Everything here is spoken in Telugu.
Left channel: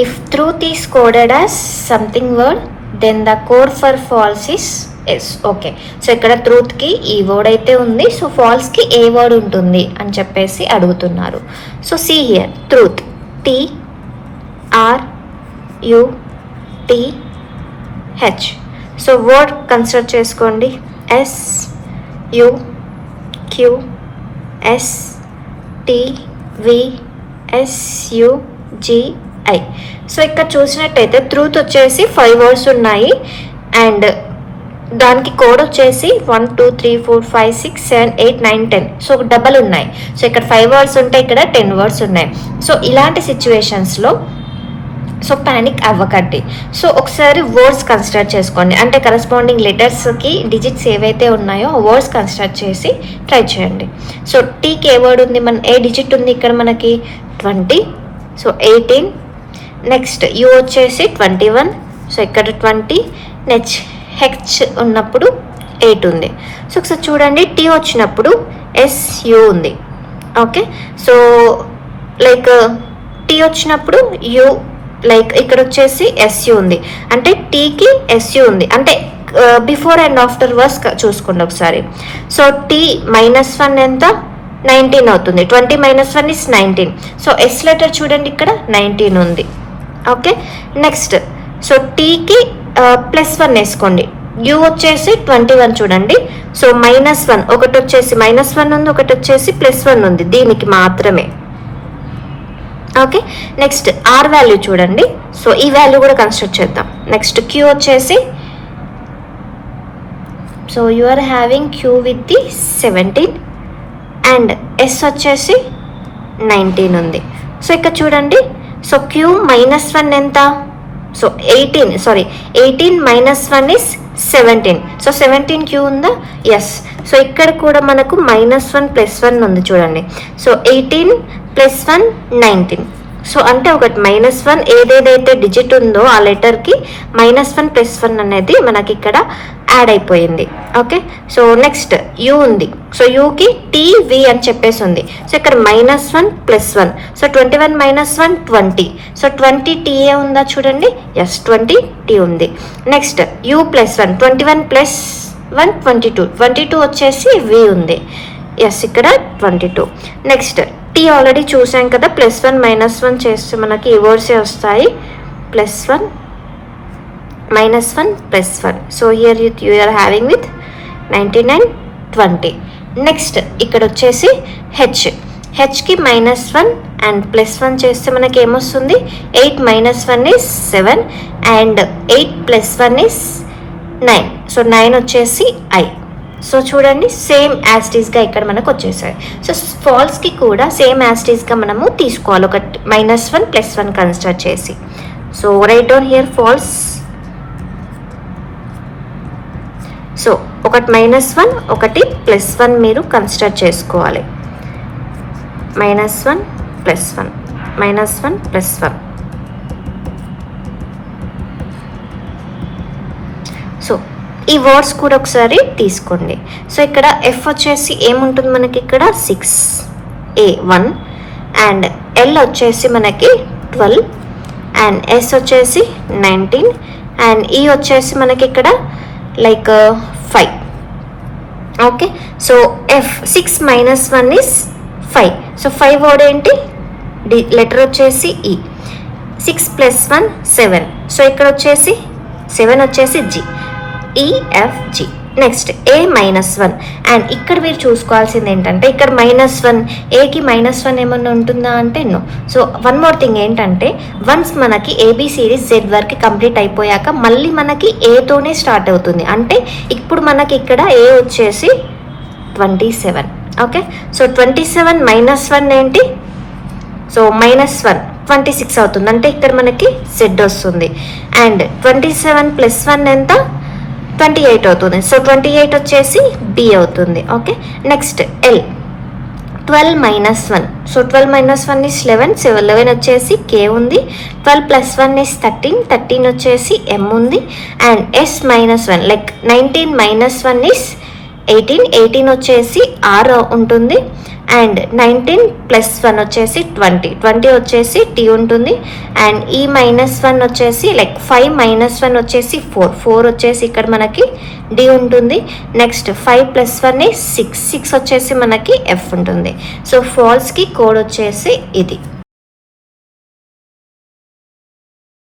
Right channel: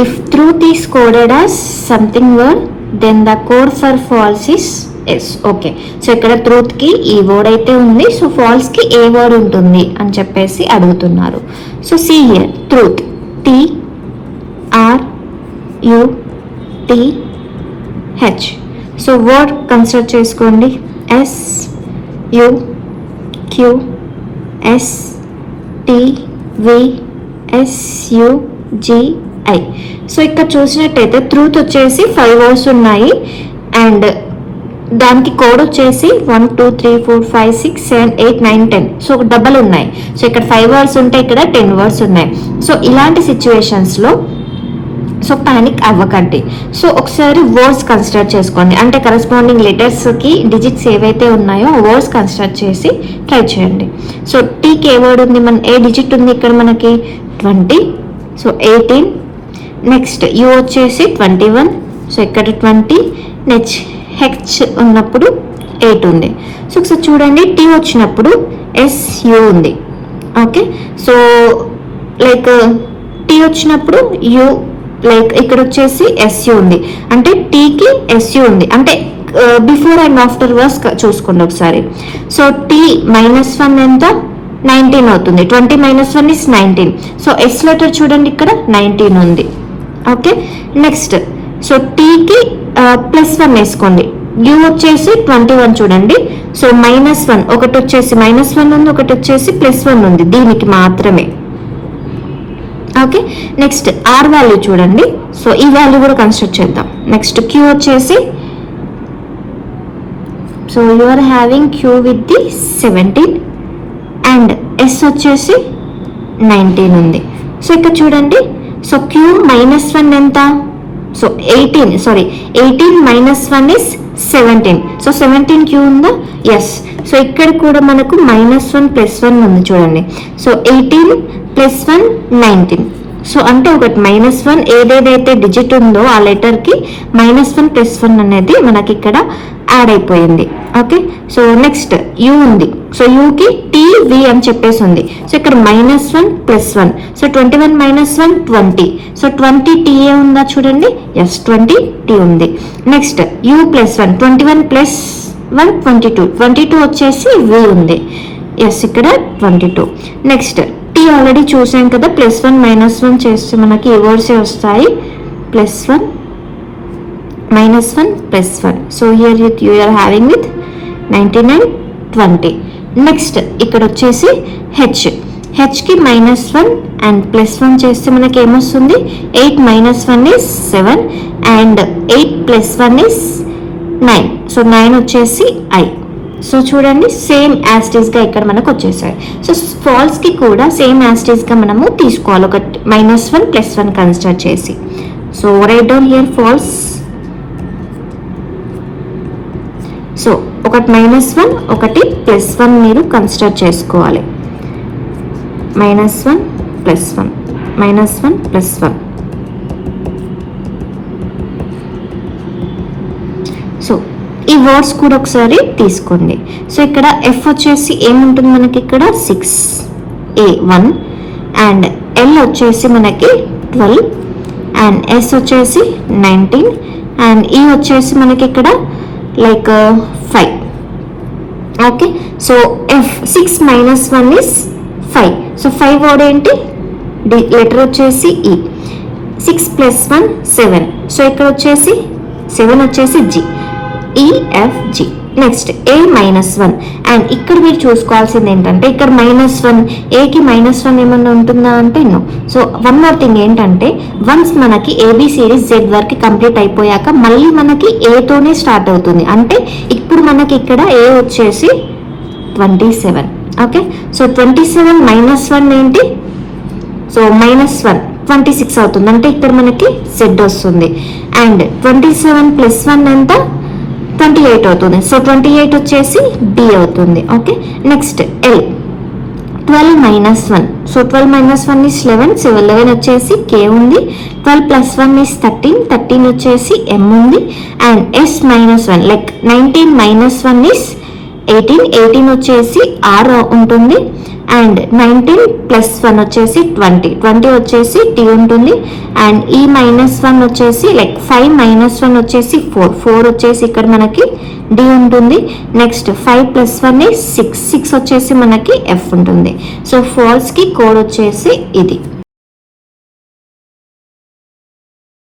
If truth is coded as something word, then the code for false is S. Okay, so ఇక్కడ ట్రూత్కి ఈ వర్డ్ అయితే ఉంది, సో ఫాల్స్కి ఏ వర్డ్ ఉంటుంది అని చెప్పేసి అడుగుతున్నారు. So see here truth TRUTH. So word consider చేసుకోండి SUQSTVSUGI. సో ఇక్కడ చూసినట్టయితే ట్రూత్ వచ్చేసి 5 వర్డ్స్ ఉన్నాయి అండ్ దానికి కోడ్ వచ్చేసి 1 2 3 4 5 6 7 8 9 10. సో డబల్ ఉన్నాయి. సో ఇక్కడ 5 వర్డ్స్ ఉంటే ఇక్కడ 10 వర్డ్స్ ఉన్నాయి. సో ఇలాంటి సిచ్యువేషన్స్లో సో పానిక్ అవ్వకండి. సో ఒకసారి వర్డ్స్ కన్సిడర్ చేసుకోండి, అంటే కరస్పాండింగ్ లెటర్స్కి డిజిట్స్ ఏవైతే ఉన్నాయో వర్డ్స్ కన్సిడర్ చేసి ట్రై చేయండి. సో టీకి ఏ వర్డ్ ఉంది, ఏ డిజిట్ ఉంది ఇక్కడ మనకి 20, సో 18. నెక్స్ట్ యూ వచ్చేసి 21, సో ఇక్కడ 20. నెక్స్ట్ హెచ్ ఉన్నప్పుడు 8 ఉంది. సో ఒకసారి చూడండి టీ వచ్చినప్పుడు SU ఉంది. ఓకే, సో లైక్ టీ వచ్చినప్పుడు యూ, లైక్ ఇక్కడ వచ్చేసి SU ఉంది, అంటే టీకి SU ఉంది, అంటే బిఫోర్ అండ్ ఆఫ్టర్ వర్స్ చూసుకోండి ఒకసారి. సో టీ -1 ఎంత 19 అవుతుంది, 20 - 1 is 19. సో ఎస్ లెటర్ చూడండి ఇక్కడ 19 ఉంది. ఓకే, నెక్స్ట్ సో టీకి +1 వేసుకోండి. యూ వచ్చేసి 21 చూడండి. సో -1 ఒకటి వచ్చేసి -1 ఉంది, ఒకటి వచ్చేసి +1 ఉంది, దీనికి మాత్రమే. ఓకే, నెక్స్ట్ ఆర్ వాల్యూ చూడండి. సో ఈ వాల్యూ కూడా కన్స్ట్రక్ట్ చేద్దాం. నెక్స్ట్ క్యూ వచ్చేసి, so you are having Q with the 17 and S వచ్చేసి 19 ఉంది. సో ఇక్కడ చూడండి, సో క్యూ -1 ఎంత, సో 18 - 1 is 17. సో 17 క్యూ ఉందా, ఎస్. సో ఇక్కడ కూడా మనకు -1 +1 ఉంది చూడండి. సో 18 + 1 19. సో అంటే ఒకటి -1 ఏదేదైతే డిజిట్ ఉందో ఆ లెటర్కి -1 +1 అనేది మనకి ఇక్కడ యాడ్ అయిపోయింది. ఓకే, సో నెక్స్ట్ యూ ఉంది. సో యూకి TV అని చెప్పేసి ఉంది. సో ఇక్కడ -1 +1, సో 21 - 1 20. సో 20 TA ఉందా చూడండి, ఎస్ 20 T ఉంది. Next you +1, 21 + 1 22. 22 వచ్చేసి V ఉంది, ఎస్ ఇక్కడ 22. నెక్స్ట్ టీ ఆల్రెడీ చూసాం కదా, +1 - 1 చేస్తే మనకి ఏ వర్డ్స్ వస్తాయి, +1 - 1 +1. So here you are having with 99 20. Next ఇక్కడ వచ్చేసి హెచ్కి -1 అండ్ +1 చేస్తే మనకి ఏమొస్తుంది, 8 - 1 is 7 అండ్ 8 + 1 is 9. సో 9 వచ్చేసి I. సో చూడండి సేమ్ యాస్టీస్గా ఇక్కడ మనకు వచ్చేసాయి. సో ఫాల్స్కి కూడా సేమ్ యాస్టీస్గా మనము తీసుకోవాలి, ఒక -1 +1 కన్సిడర్ చేసి. So write down here false. సో ఒకటి -1 ఒకటి +1 మీరు కన్సిడర్ చేసుకోవాలి. -1 +1 -1 +1. సో ఈ వర్డ్స్ కూడా ఒకసారి తీసుకోండి. సో ఇక్కడ F వచ్చేసి ఏముంటుంది మనకి ఇక్కడ 6A1 అండ్ L వచ్చేసి మనకి 12 అండ్ S వచ్చేసి 19 అండ్ E వచ్చేసి మనకి ఇక్కడ like 5. Okay, so F 6 - 1 is 5. So 5 word ఏంటి, లెటర్ వచ్చేసి E. 6 + 1 7. సో ఇక్కడ వచ్చేసి 7 వచ్చేసి G, EFG. Next A -1 and ఇక్కడ మీరు చూసుకోవాల్సింది ఏంటంటే ఇక్కడ -1, ఏకి -1 ఏమన్నా ఉంటుందా అంటే no. So one more thing ఏంటంటే వన్స్ మనకి ABCD Z వరకు కంప్లీట్ అయిపోయాక మళ్ళీ మనకి ఏతోనే స్టార్ట్ అవుతుంది, అంటే ఇప్పుడు మనకి ఇక్కడ ఏ వచ్చేసి 27. ఓకే, సో 27 - 1 ఏంటి, సో -1 26 అవుతుంది, అంటే ఇక్కడ మనకి Z వస్తుంది అండ్ 27 + 1 ఎంత 28 అవుతుంది. సో 28 వచ్చేసి D అవుతుంది. Okay, next L 12 - 1. So 12 - 1 is 11. So 11 వచ్చేసి K ఉంది. 12 + 1 is 13. 13 వచ్చేసి M ఉంది అండ్ S -1 లైక్ 19 - 1 is 18. 18 వచ్చేసి R ఉంటుంది అండ్ 19 ప్లస్ 1 వచ్చేసి 20 వచ్చేసి టీ ఉంటుంది. అండ్ ఈ -1 వచ్చేసి లైక్ 5 -1 వచ్చేసి 4 వచ్చేసి ఇక్కడ మనకి డి ఉంటుంది. నెక్స్ట్ 5 + 1 6 వచ్చేసి మనకి ఎఫ్ ఉంటుంది. సో ఫోర్స్ కి కోడ్ వచ్చేసి ఇది.